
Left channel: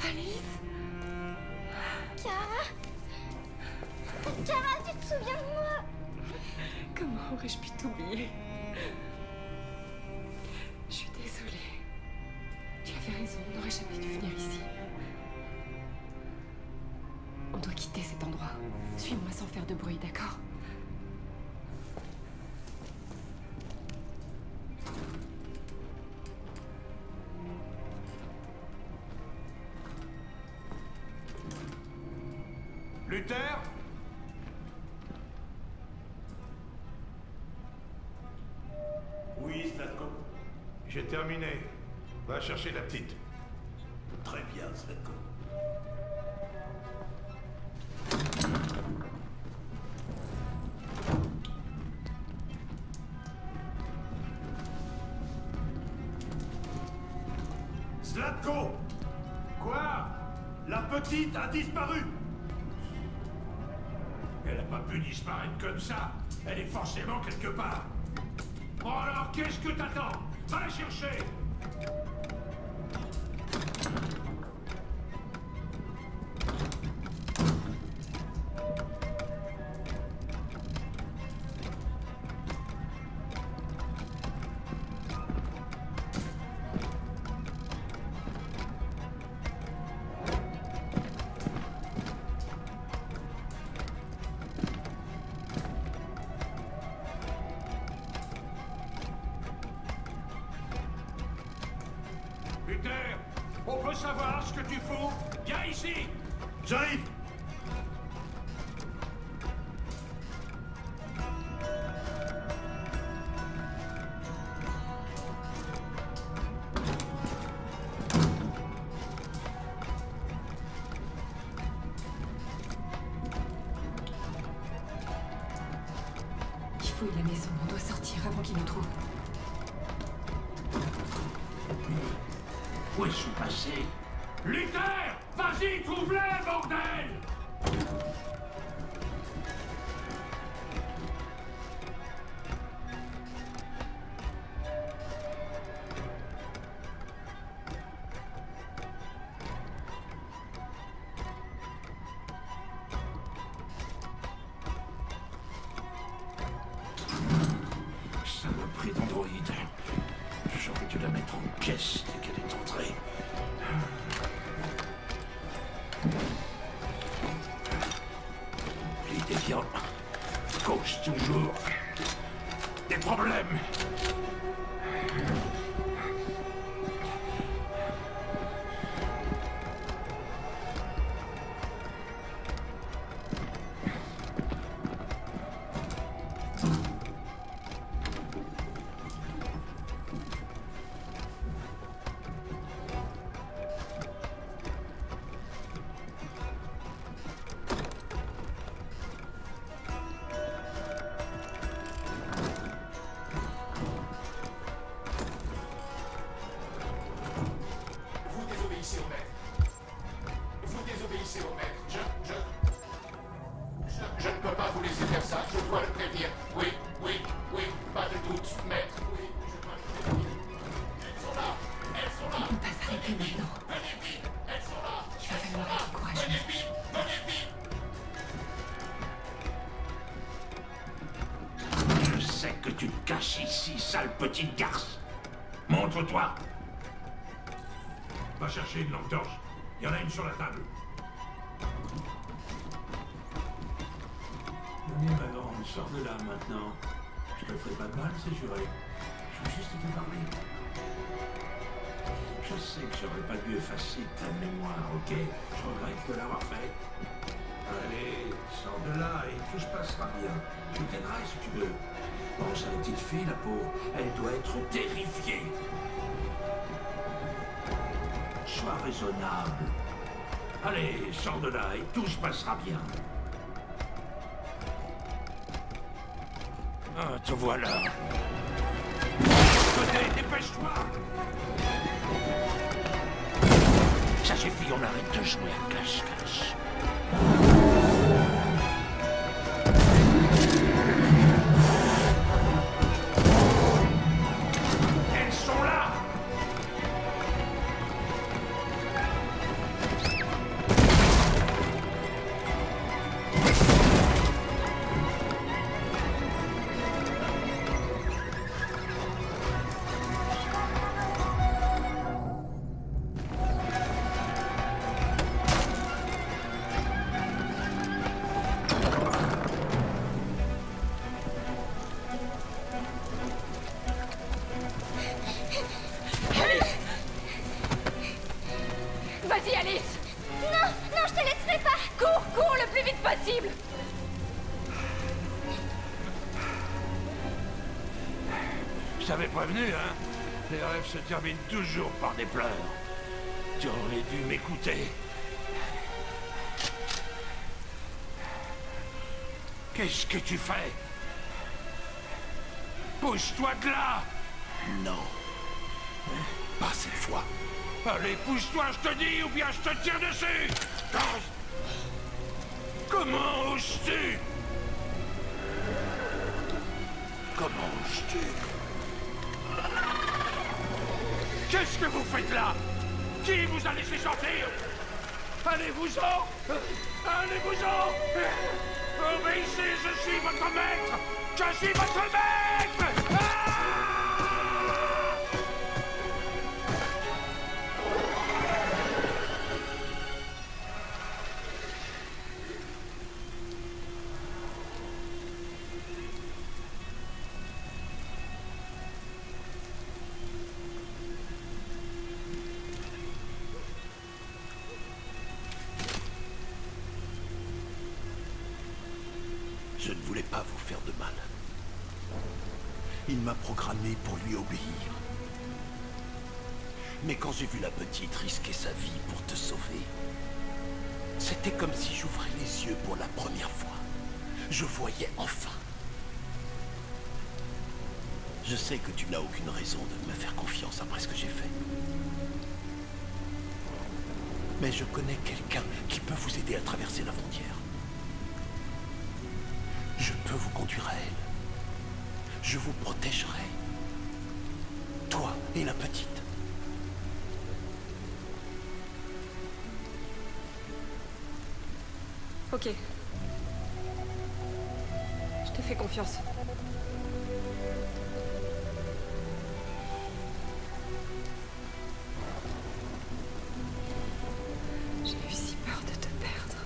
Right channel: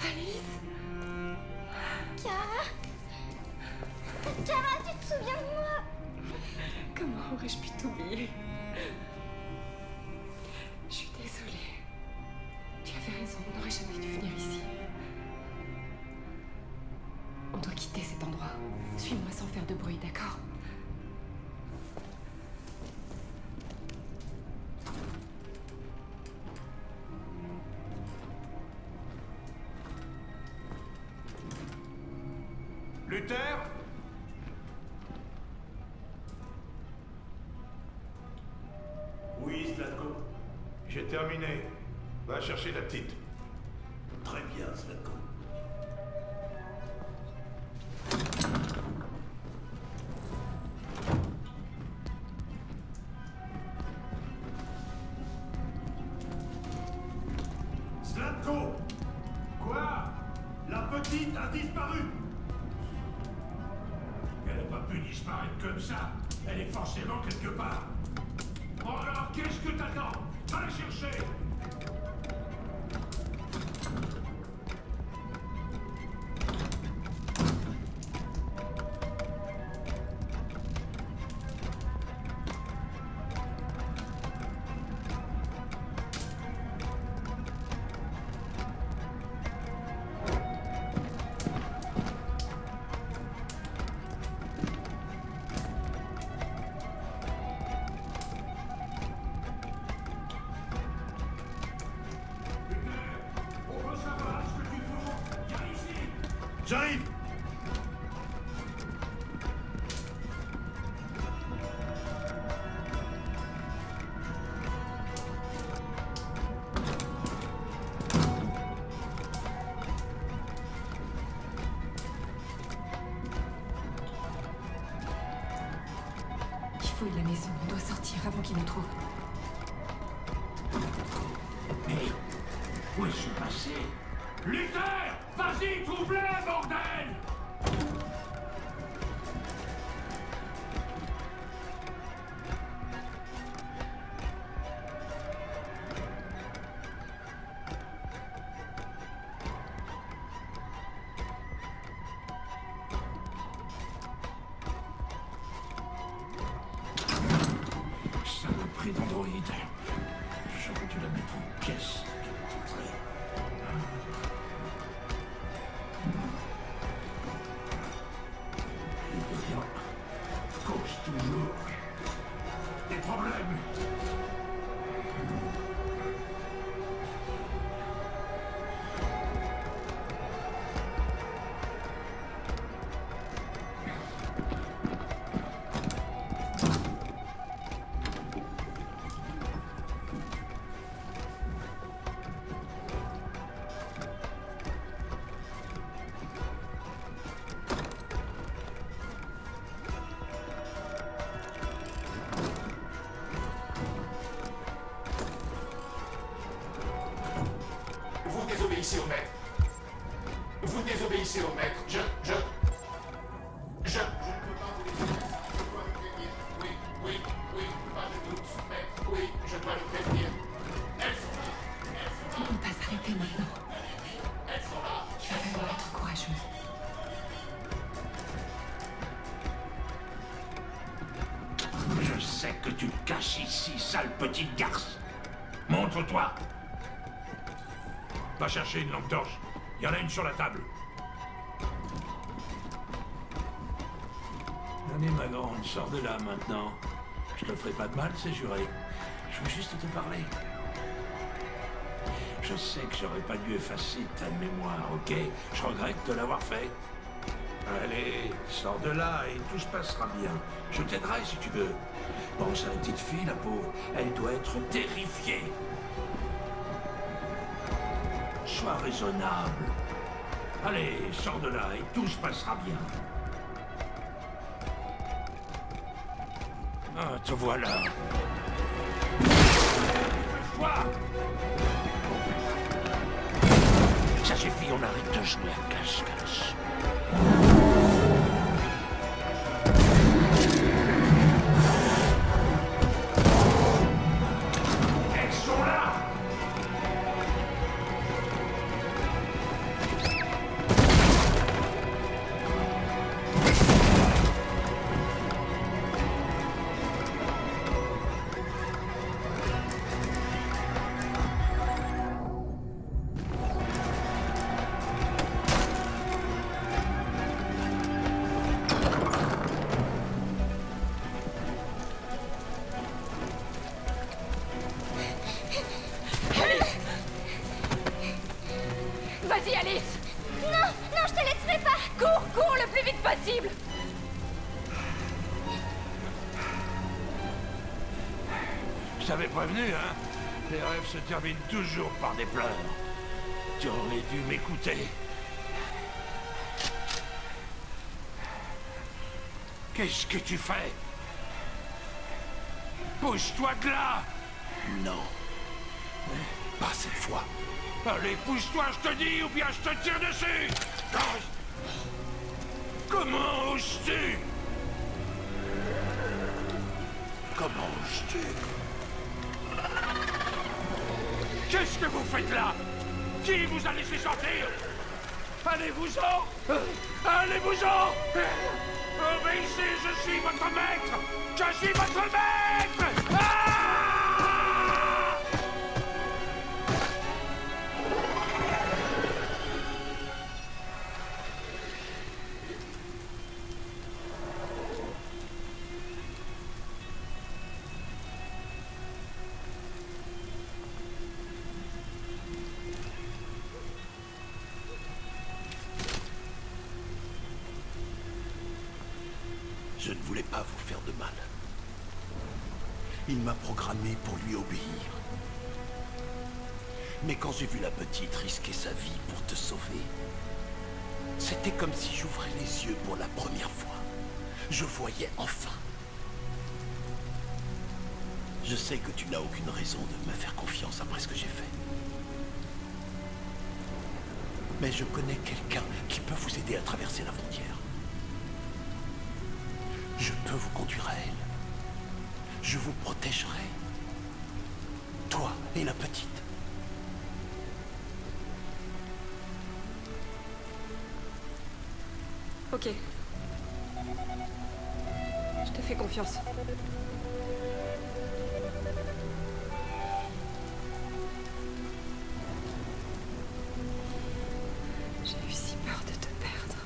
Alice? Kara? Kara, tu te souviens de moi? Comment aurais-je pu t'oublier? Je suis désolée. Tu avais raison, on n'aurait jamais dû venir ici. On doit quitter cet endroit. Suis-moi sans faire de bruit, d'accord? Luther? Oui, Zlatko. J'ai terminé. Va chercher la petite. Très bien, Zlatko. Zlatko! Quoi? La petite a disparu! Elle n'a pas pu disparaître comme ça. Elle est forcément quelque part. Bon alors, qu'est-ce que t'attends? Va la chercher! savoir ce que tu fous. Viens ici. J'arrive. Il fouille la maison. On doit sortir avant qu'il nous trouve. Où est-ce passé? Luther! Vas-y, trouve-les, bordel! Ça m'a pris d'androïde. J'aurais dû la mettre en pièces dès qu'elle est entrée. Les déviants causent toujours des problèmes. Vous désobéissez au maître. Vous désobéissez au maître. Je ne peux pas vous laisser faire ça. Je dois le prévenir. Oui, oui, oui, pas de doute, maître. Oui, je dois le prévenir. Elles sont là. Elles sont là. On ne peut pas s'arrêter maintenant. Venez vite. Elles sont là. Il va falloir être courageux. Venez vite. Venez vite. Je sais que tu te caches ici, sale petite garce. Montre-toi. Va chercher une lampe torche. Il y en a une sur la table. Allez, ma grande, sors de là maintenant. Je te ferai pas de mal, c'est juré. Je veux juste te parler. Je sais que j'aurais pas dû effacer ta mémoire, ok? Je regrette de l'avoir fait. Allez, sors de là et tout se passera bien. Je t'aiderai si tu veux. Pense à la petite fille, la pauvre. Elle doit être terrifiée. Sois raisonnable. Allez, sors de là et tout se passera bien. Ah, te voilà. Allez, dépêche-toi! Ça suffit, on arrête de jouer à cache-cache. Elles sont là! Vas-y, Alice! Non, non, je te laisserai pas. Cours, cours le plus vite possible! Je t'avais prévenu, hein? Les rêves se terminent toujours par des pleurs. Tu aurais dû m'écouter. Qu'est-ce que tu fais? Pousse-toi de là! Non. Pas cette fois. Allez, pousse-toi, je te dis, ou bien je te tire dessus! Comment oses-tu? Comment oses-tu? Qu'est-ce que vous faites là? Qui vous a laissé sortir? Allez-vous-en! Allez-vous-en! Obéissez, je suis votre maître! Je suis votre maître! Ah! voulait pas vous faire de mal. Il m'a programmé pour lui obéir. Mais quand j'ai vu la petite risquer sa vie pour te sauver, c'était comme si j'ouvrais les yeux pour la première fois. Je voyais enfin. Je sais que tu n'as aucune raison de me faire confiance après ce que j'ai fait. Mais je connais quelqu'un qui peut vous aider à traverser la frontière. Je peux vous conduire à elle. Je vous protégerai. Toi et la petite. Ok. Je te fais confiance. J'ai eu si peur de te perdre.